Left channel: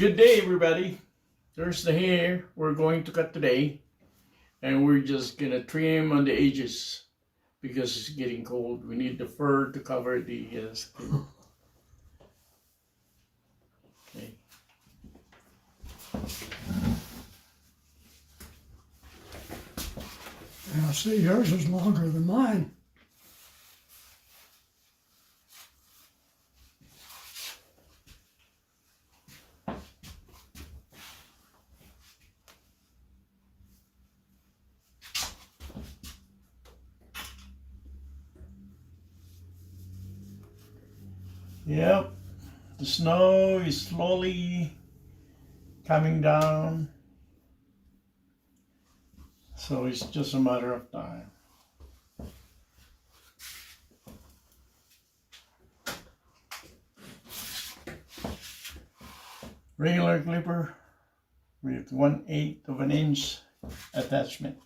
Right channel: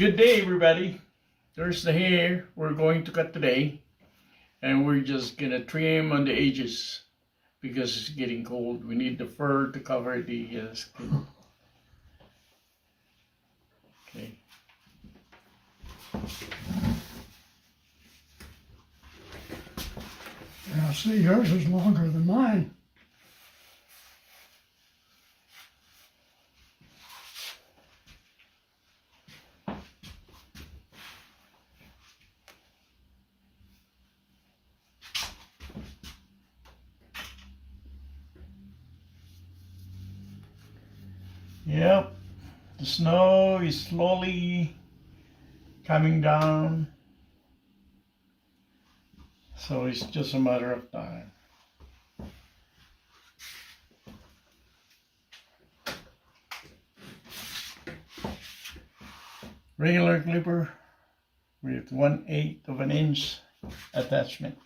Good day, everybody. Thursday here. We're going to cut today, and we're just gonna trim on the edges because it's getting cold. We need the fur to cover the skin. Okay. Yeah, see, yours is longer than mine. Yep. The snow is slowly coming down, so it's just a matter of time. Regular clipper with 1/8 of an inch attachment.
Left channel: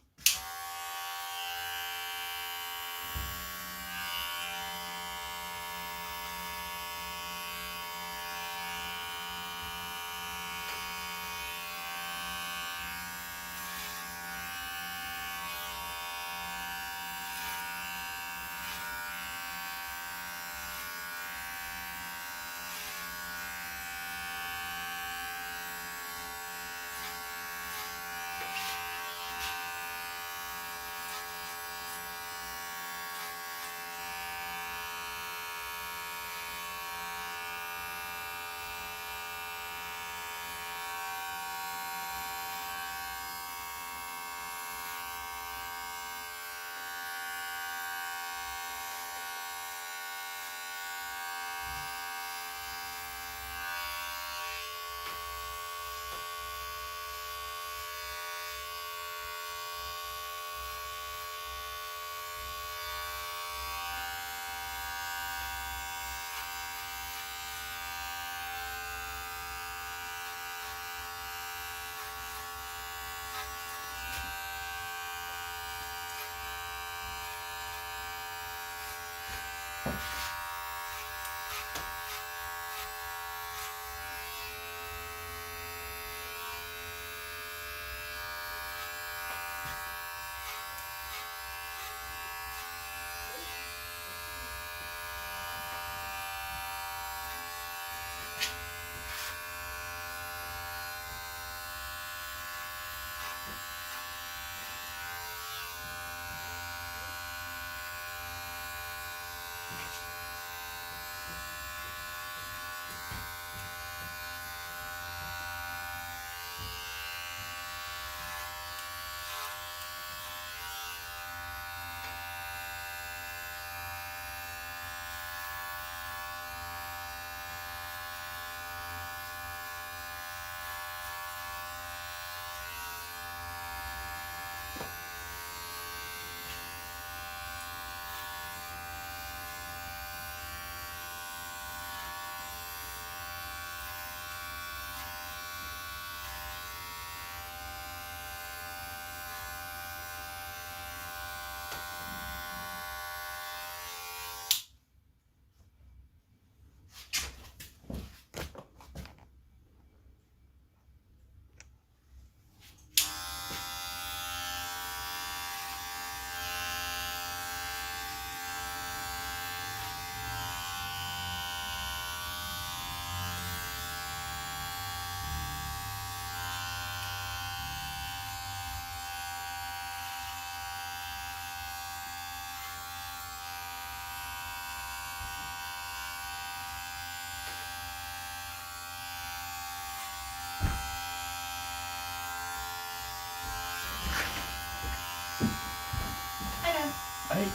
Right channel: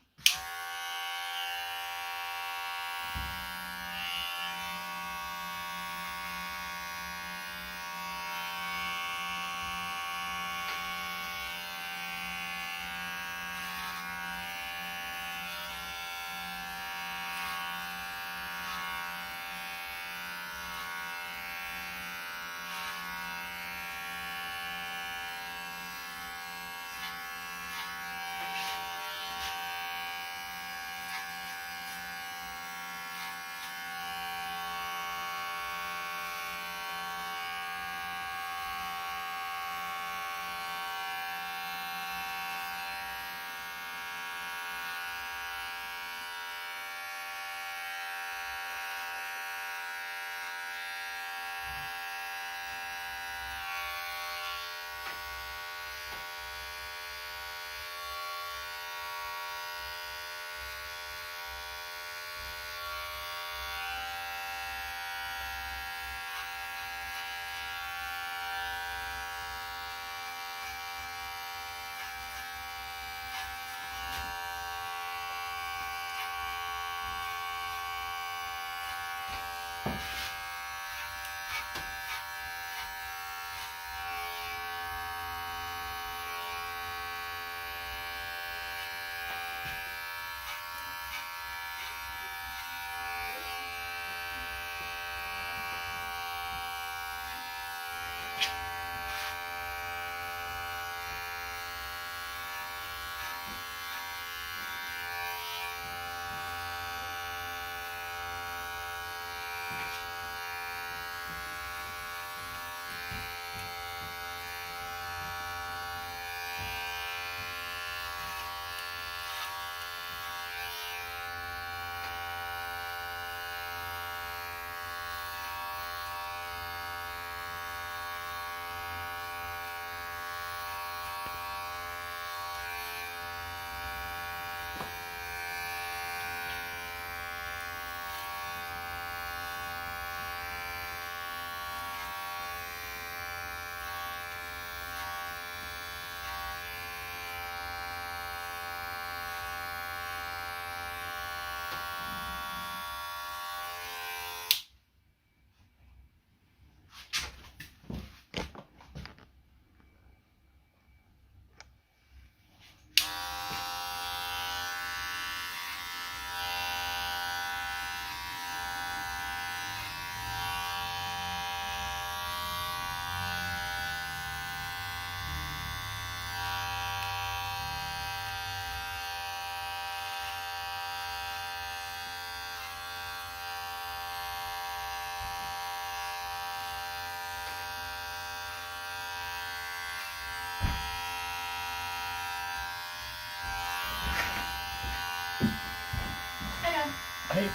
Hey.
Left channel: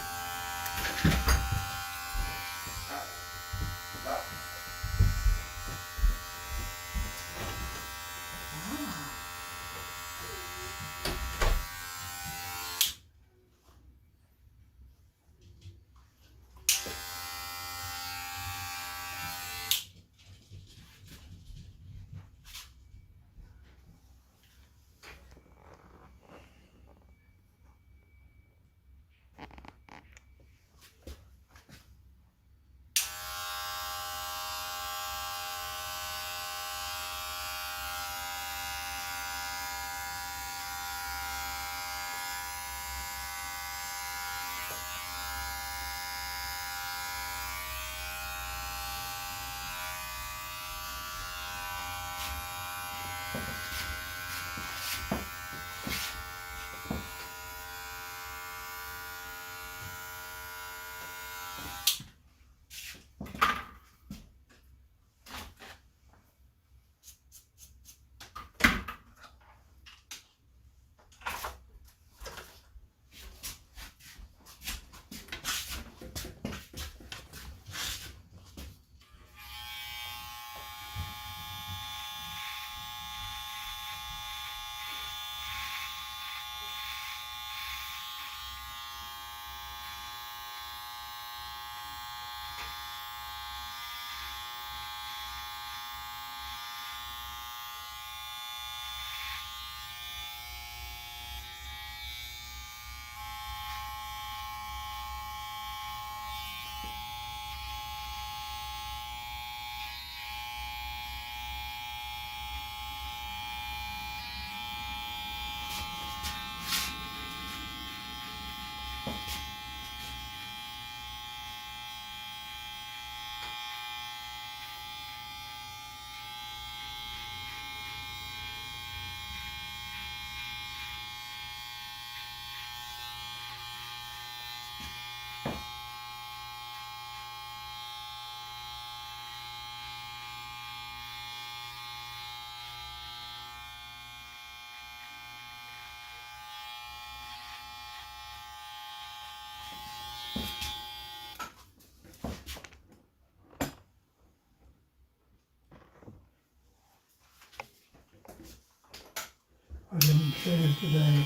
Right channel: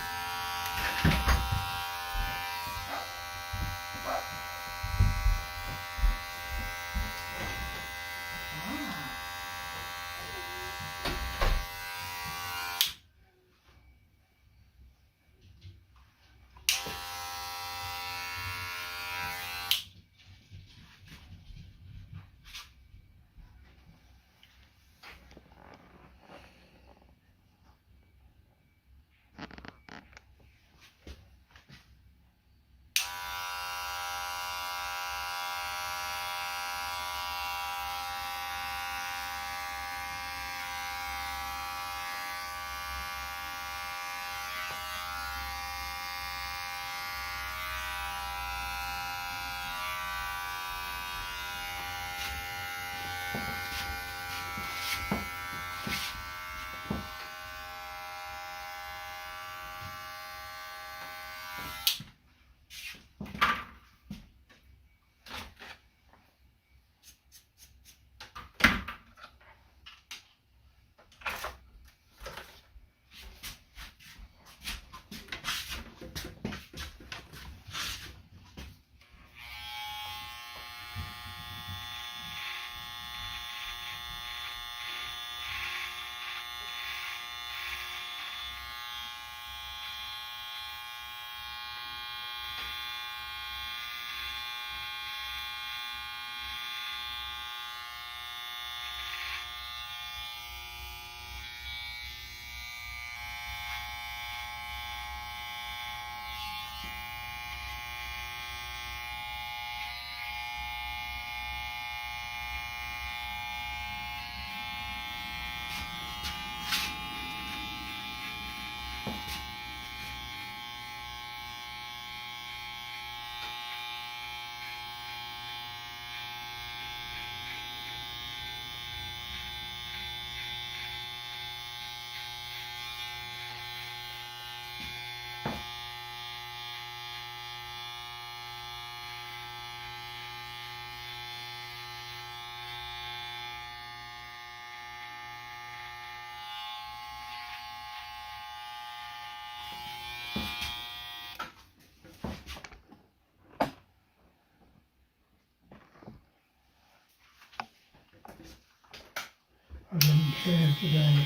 I didn't shave today.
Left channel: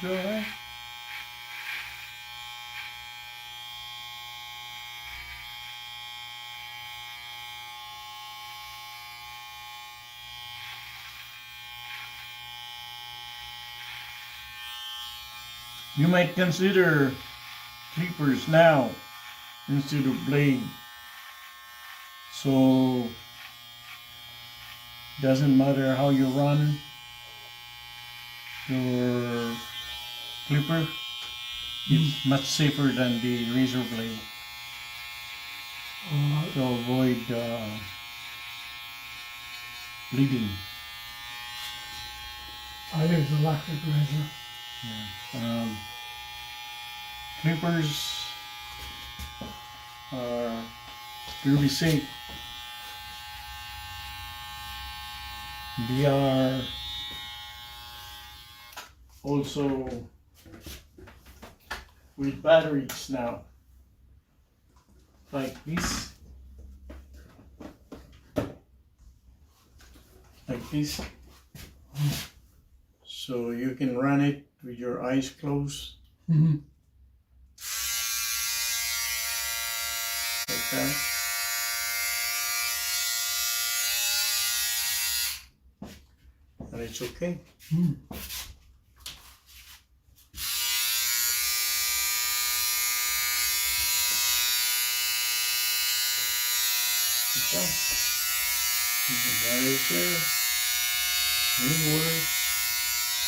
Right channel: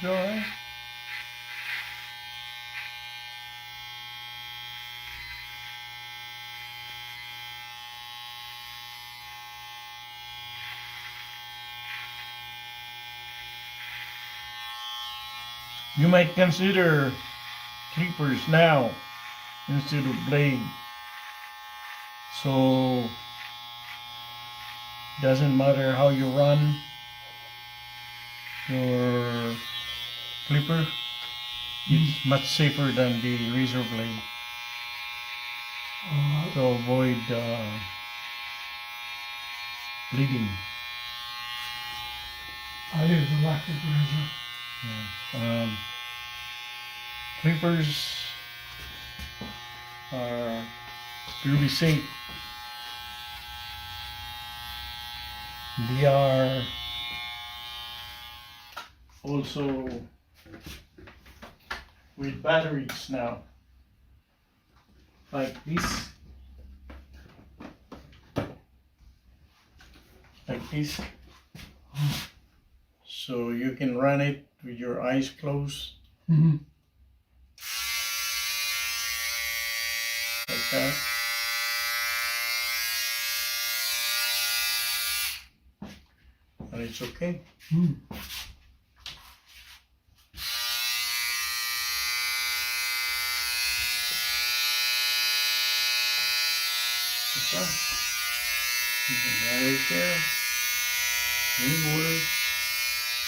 You all right? You might consider clippers now instead of blade. So doesn't matter how you run your clipper, it's much safer than the razor blade to avoid bleeding. I use electric razor. Clippers are really safe. They are also with batteries now, like this, so you can run it with your eyes closed, Mm-hmm. like that. And it's okay. Mm. Like that. You can run it there. Move water.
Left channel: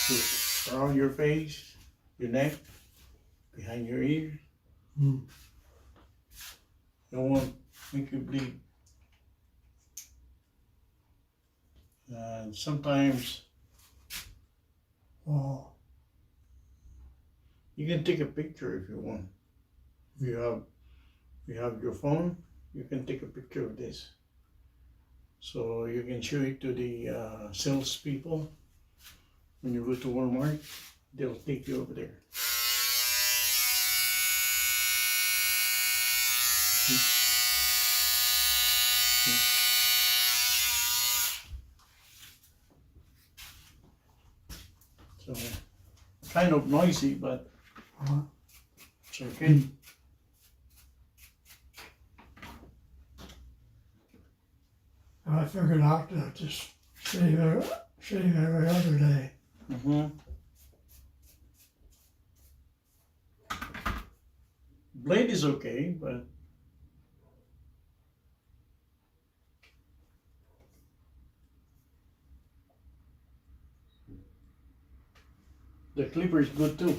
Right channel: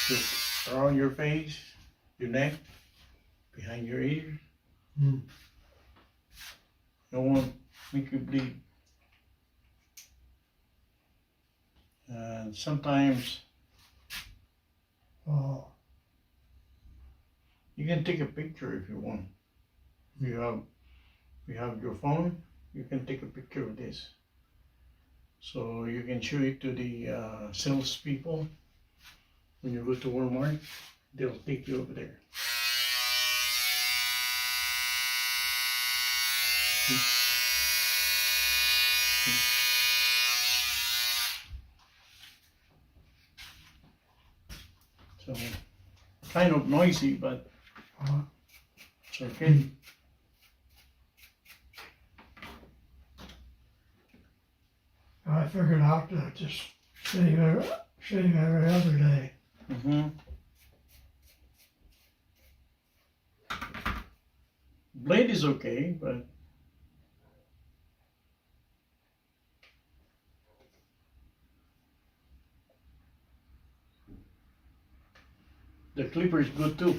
Just around your face, your neck, behind your ears. Mm. Don't want to make you bleed. And sometimes Oh, you can take a picture if you want. If you have your phone, you can take a picture of this. So you can show it to the salespeople. When you go to Walmart, they'll take you over there. So kind of noisy, but it's okay. I figured out to just shave every other day. Blade is okay, but the clipper is good too.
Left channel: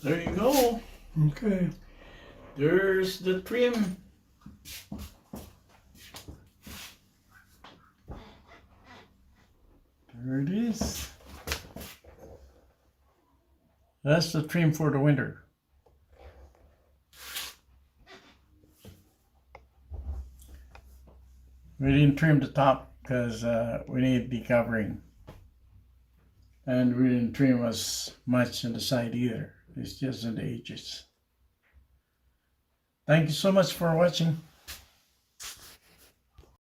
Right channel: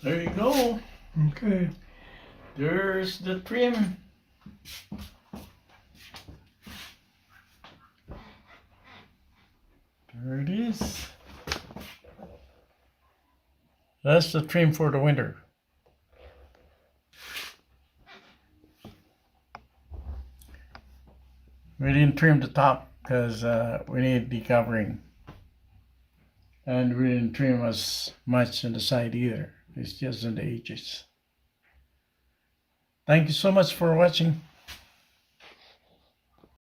There you go. Okay. There's the trim. There it is. That's the trim for the winter. We didn't trim the top because we need decovering. And we didn't trim as much on the side either. It's just on the edges. Thank you so much for watching.